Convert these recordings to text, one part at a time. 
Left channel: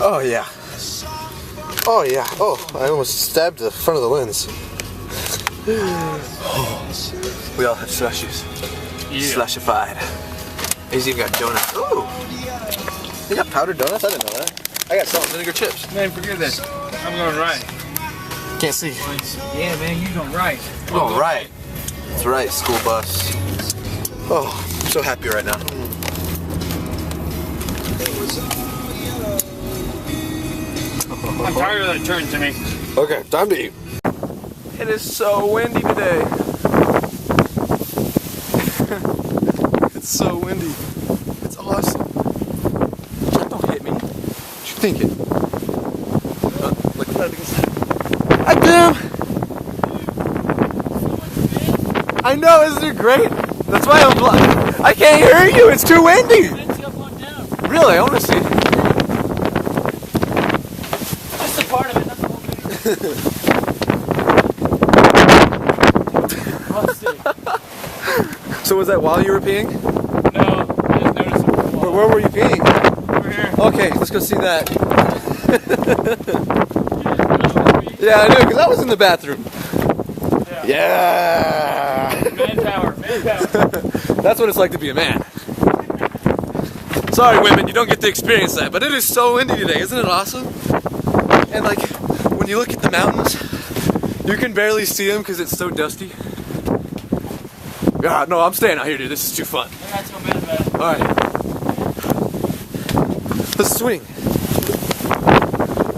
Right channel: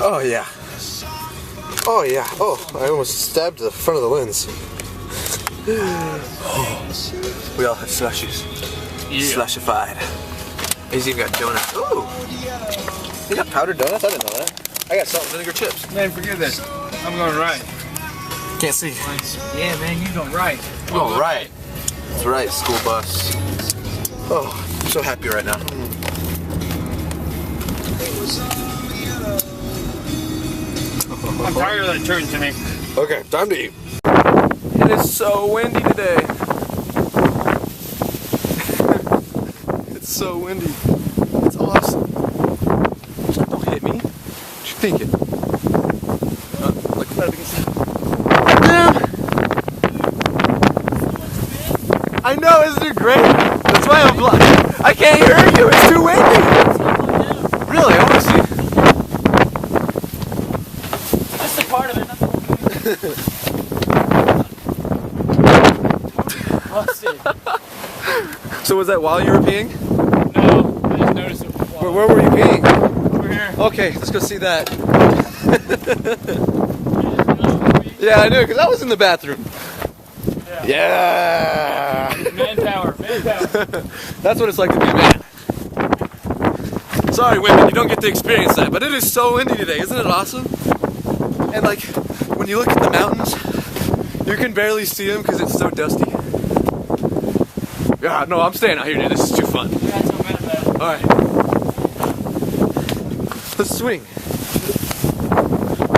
Oh yeah. Oh yeah. Oh, I almost stabbed the front of the lens. We all have slushies. Yeah. Slushified. He's even got donuts. Ooh! You got powdered donuts? I didn't know that. I got salt and vinegar chips. Man, forget this. I'm going right. Can't see. Yeah, man, you going right. Oh, right. That's right, school bus. Oh, I'm so happy right now. I'm tired of that turn to me. Okay, time to eat. It is so windy today. It's so windy. It's awesome. Don't hit me. What you thinking? Look at that against that. I know, isn't it great? That's why I'm blind. I can't hear you. It's too windy. Really? I want to see. Just a part of it. Not the whole thing. So was that while you were peeing? No, I didn't notice it. Where were you peeing? Over here. Okay, let's go see that. Yeah, I knew, because I was in the bathroom. Yeah! Manpower. That's what it's like to be a man. Sorry, women, you don't get to experience that, but it is so windy today, isn't it awesome? And like, when you look at the mountains, you can barely see them because it's so dusty. Yeah, no, I'm staying out here, dude. This is too fun. You're not so mad about it. Alright. Let's swing.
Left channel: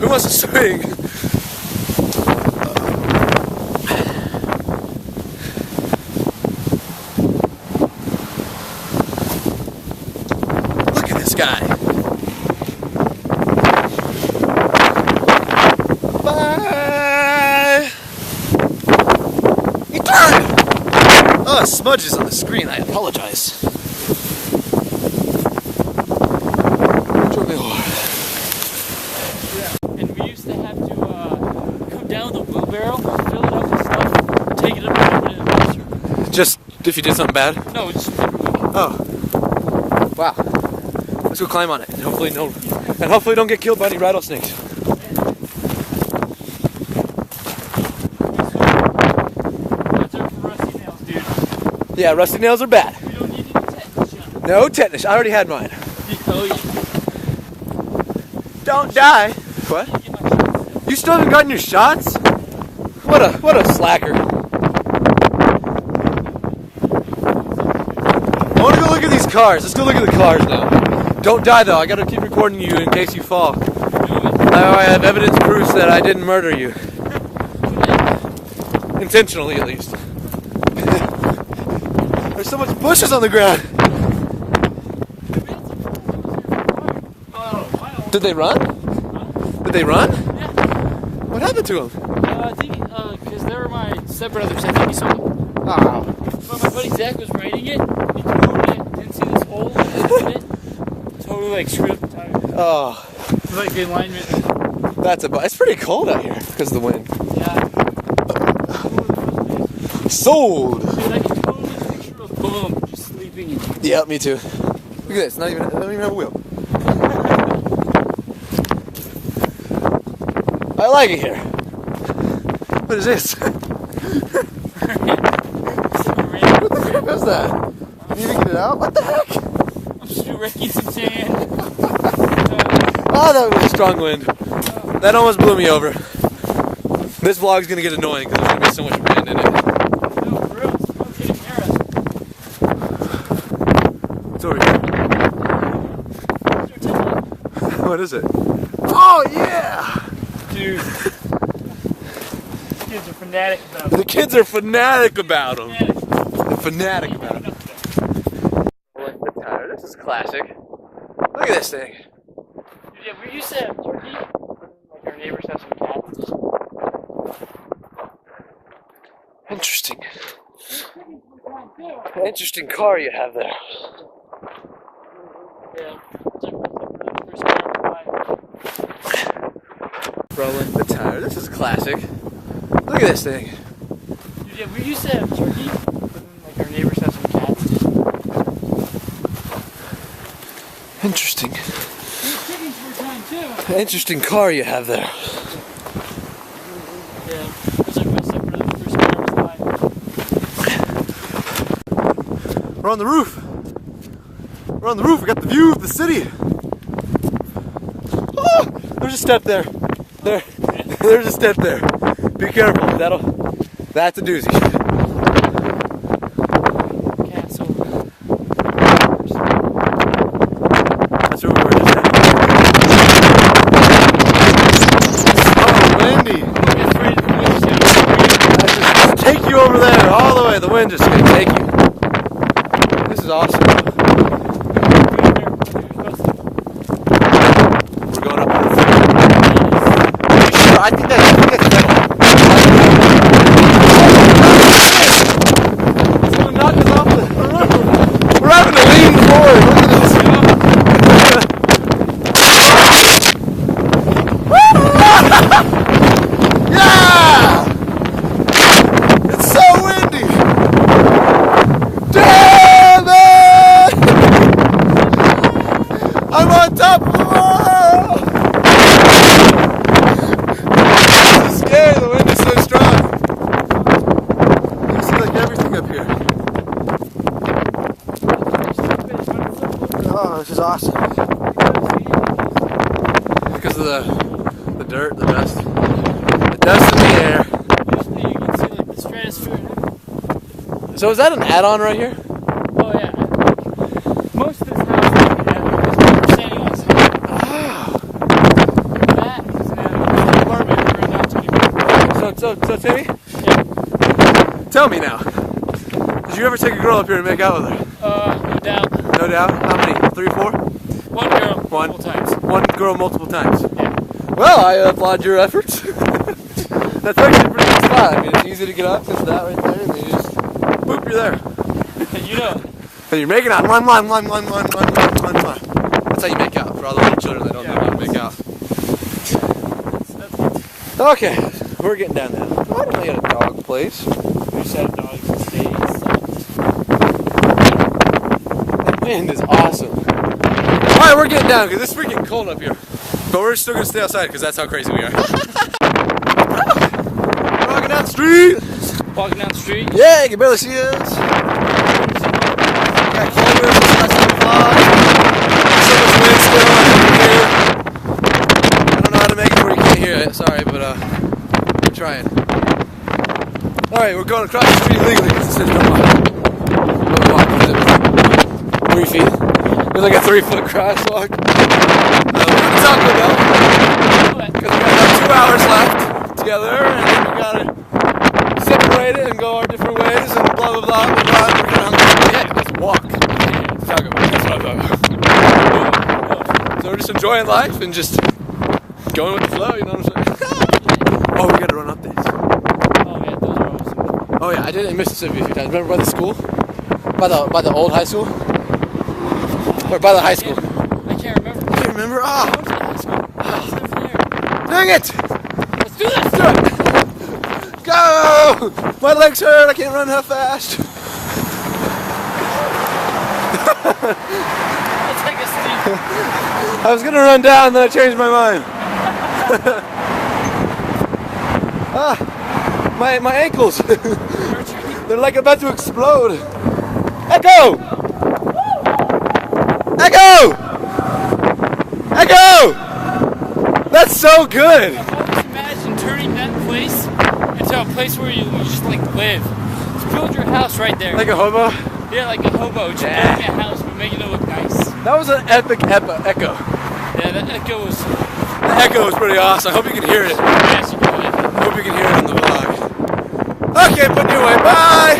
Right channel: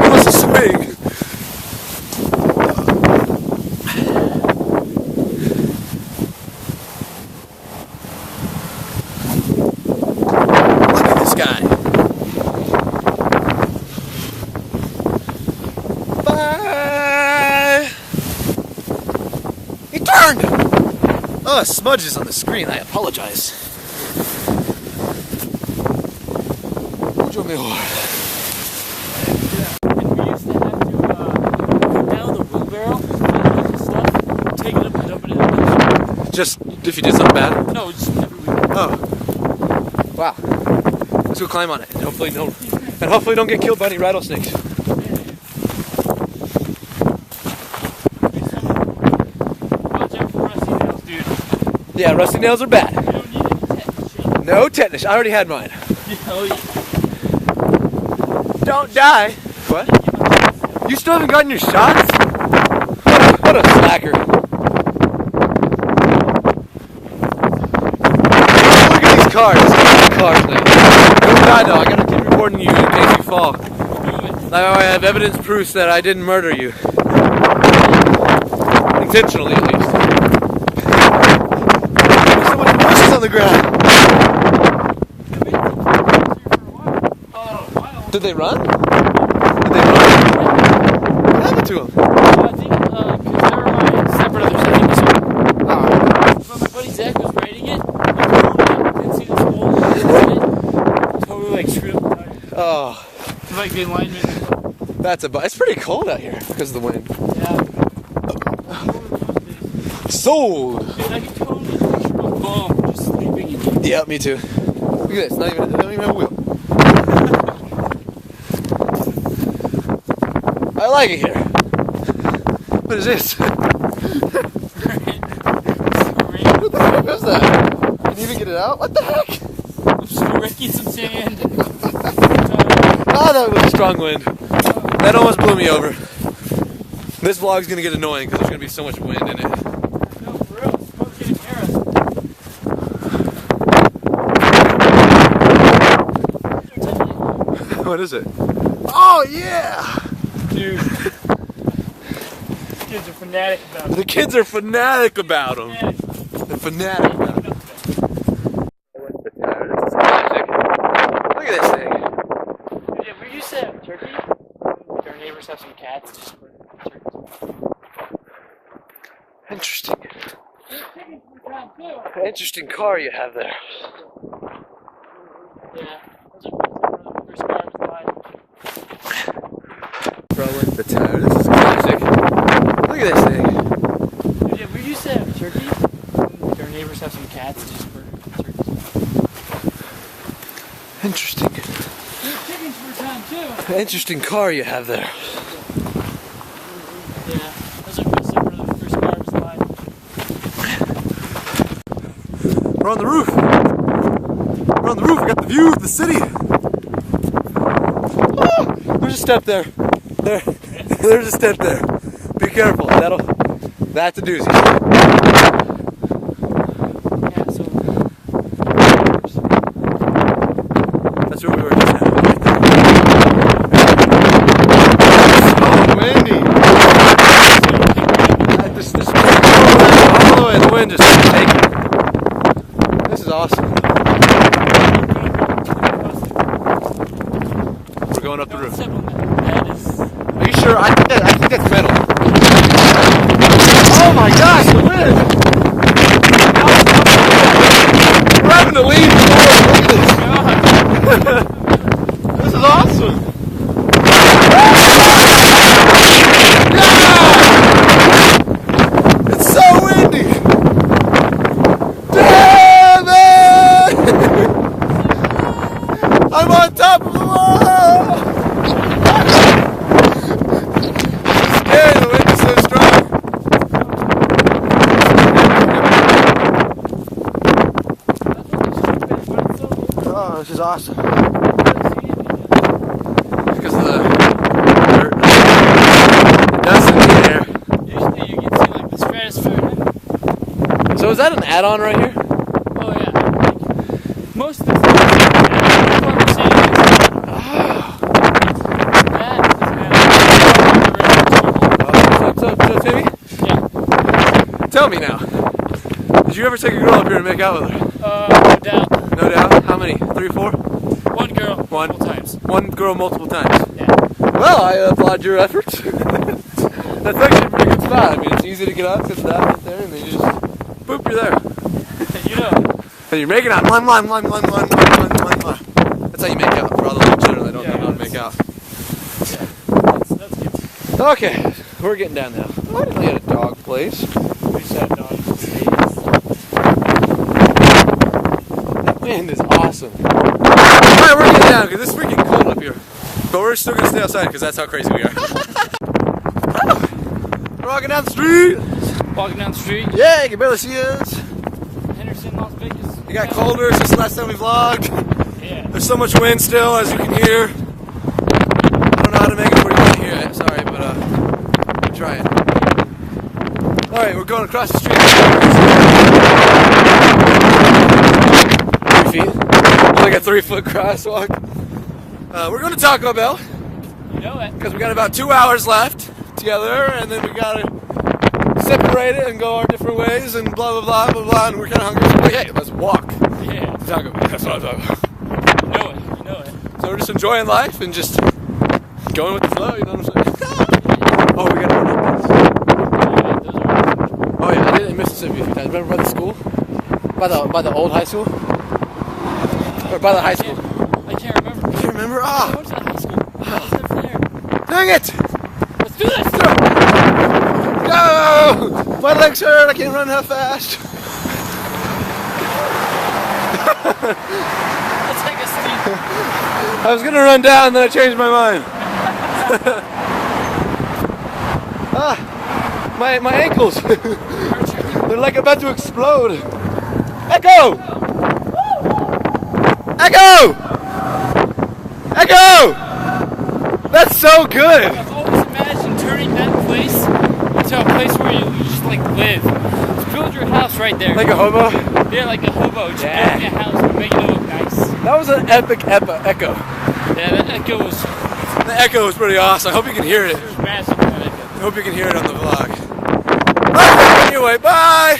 We must swing. Look at this guy. Bye. He turned. Oh, smudges on the screen. I apologize. If we used to have to come down with a wheelbarrow, fill it up with stuff, take it up and put it in the house. Just if you did something bad? No, just... Oh. Wow. Let's go climb on it. And hopefully don't get killed by any rattlesnakes. Watch out for rusty nails, dude. Yeah, rusty nails are bad. You don't need any tetanus shot. No tetanus. I already had mine. Oh, yeah. Don't die. What? You still haven't gotten your shots? What a slacker. I want to look at these cars. Let's go look at the cars now. Don't die though. I gotta keep recording you in case you fall. I have evidence proofs that I didn't murder you. Intentionally, at least. There's so much bushes on the ground. Did they run? Did they run? What happened to them? I think, because they were my stepbrothers, I think, so. When my buddy Zach was raiding it, he didn't see this hole, totally, like, screwed up the tire. Oh. Like, the alignment. It's pretty cold out here because of the wind. Yeah. Sold! Dude, I can totally picture a bum just sleeping in it. Yeah, me too. Look at this. Not even have a wheel. I like it here. What is this? What the heck is that? Can you even get it out? What the heck? I'm just wrecking some sand. Oh, that was a strong wind. That almost blew me over. This vlog's gonna get annoying because there's gonna be so much wind in it. No, for real, smoke's getting near us. What is it? Oh, yeah! Dude. These kids are fanatic about it. The kids are fanatic about them. They're fanatic about them. This is classic. Look at this thing. Yeah, we used to have turkey. Our neighbors have some cats. Interesting. Interesting car you have there. Yeah. First car we buy. Throwing the tire. This is classic. Look at this thing. Yeah, we used to have turkey. Our neighbors have some cats. Interesting. Interesting car you have there. Yeah. Those are my separate of the first car I was buying. We're on the roof. We're on the roof. We got the view of the city. Oh, there's a step there. There's a step there. Be careful. That's a doozy. Yeah, so That's where we were just at. So windy. Just take you over there all the way. The wind just take you. This is awesome. We're going up the roof. Are you sure? I think that's metal. Oh my gosh, it is! We're having to lean forward. Look at this. Yeah! It's so windy. Damn it! I'm on top of the wall. It's scary. The wind is so strong. Oh, this is awesome. Because of the dirt, the dust in the air. usually you can see like the stratosphere. So is that an add-on right here? Oh yeah. Most of the time. So Timmy, tell me now. Did you ever take a girl up here and make out with her? No doubt. No doubt. How many? 3 or 4? One girl, multiple times. One girl multiple times. Yeah. Well, I applaud your efforts. That's actually a pretty good spot. I mean, it's easy to get up because that right there, and you just boop, you're there. You know. And you're making out. That's how you make out for all the little children that don't know how to make out. That's good. Okay, we're getting down now. Oh, I didn't know you had a dog place. We said dogs. That wind is awesome. Alright, we're getting down because it's freaking cold up here. But we're still going to stay outside because that's how crazy we are. We're walking down the street. Walking down the street. Yeah, you can barely see us. We got Culver since the last time we vlogged. There's so much wind still, as you can hear. I don't know how to make it where you can't hear it. Sorry, but we're trying. Alright, we're going across the street. 2 feet. It's like a 3-foot crosswalk. We're going to Taco Bell. Because we got about 2 hours left together, and then we got to separate it and go our different ways, and blah, blah, blah, blah, blah. We're kind of hungry. Hey, let's walk to Taco Bell. That's what I'm talking about. So we're just enjoying life and just going with the flow, you know what I'm saying? Oh, we got to run up this. Oh, yeah, I did it in Mississippi a few times. Remember by the school? By the old high school? Or by the high school? I can't remember. I can't remember. Ah! I was at high school. I was over there. Dang it! Let's do this! Go! My legs hurt. I can't run that fast. Let's take a sleep. I was gonna run down, then I changed my mind. My ankles. They're like about to explode. Echo! Echo! Echo! That's so good. I've always imagined turning that place into a place where you just like live. Just build your house right there. Like a hobo? Yeah, like a hobo. Just building a house but making it look nice. That was an epic echo. Yeah, that echo was The echo was pretty awesome. I hope you can hear it. massive. I hope you can hear it on the vlog. Okay, anyway, bye!